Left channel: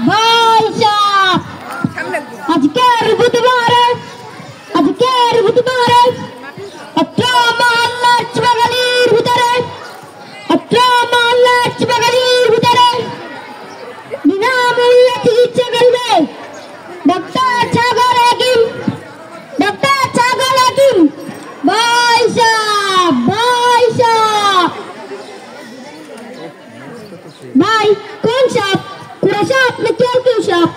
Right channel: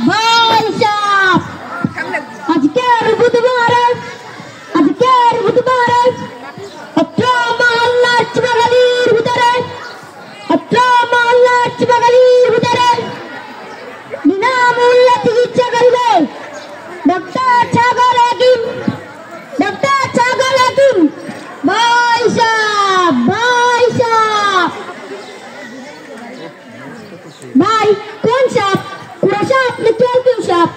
ভাই সাহেব আজকের বুধবারে অত্র মহল্লার চিবাগালির ভিতরে বিনামূল্যে চিকিৎসা করবে ডক্টর ছাগল হাকিম ভাই সাহেব ভাই কোন সাপ পুরা সাপ না কেউ সাপ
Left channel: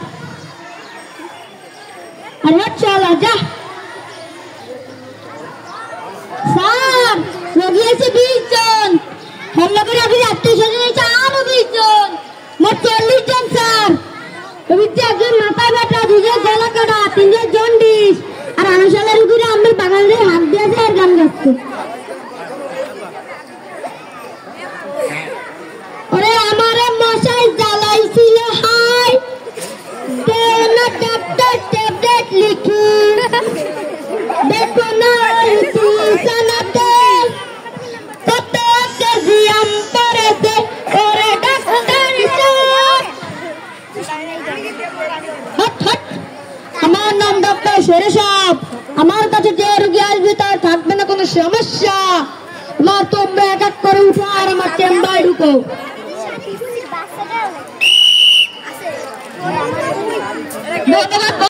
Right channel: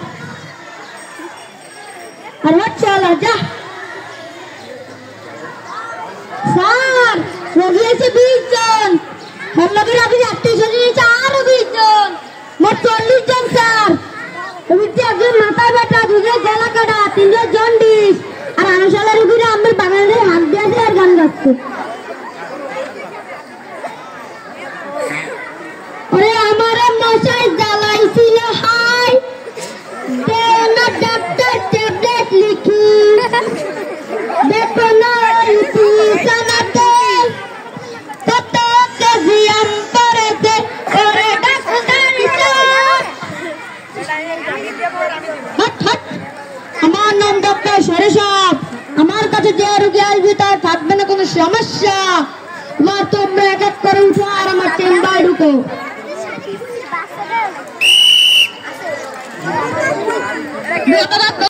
আরে চলো যা স্যার রোগী আছে 20 জন হেলগের আগে আত্মীয়-স্বজন আছে আরো 20 জন মোট 40 জন স্যার রোগীতে একজন মাথা ব্যথা দুজন গলা কাটা তিনজন জন্ডিস আর আনসালের রোগীরা আমাদের বাঙালিদের হাত দিয়ে আর গান গাচ্ছে ওরে আমারে মশাই জ্বালাইছিল হাই দেনা ডাক্তার ট্যাবলেট লিখি দেখো না ইতি সানাতে কত কেজি আন্তরেতে ওরে ডাক্তার হট আমার নাম ডক্টর সরেশাব আমার কাছে যে রোগী আসবে তার থাকবে না কোনো সমস্যা মা তোমরা এক এক করে উঠো আর আমার চেম্বারে ঢুকো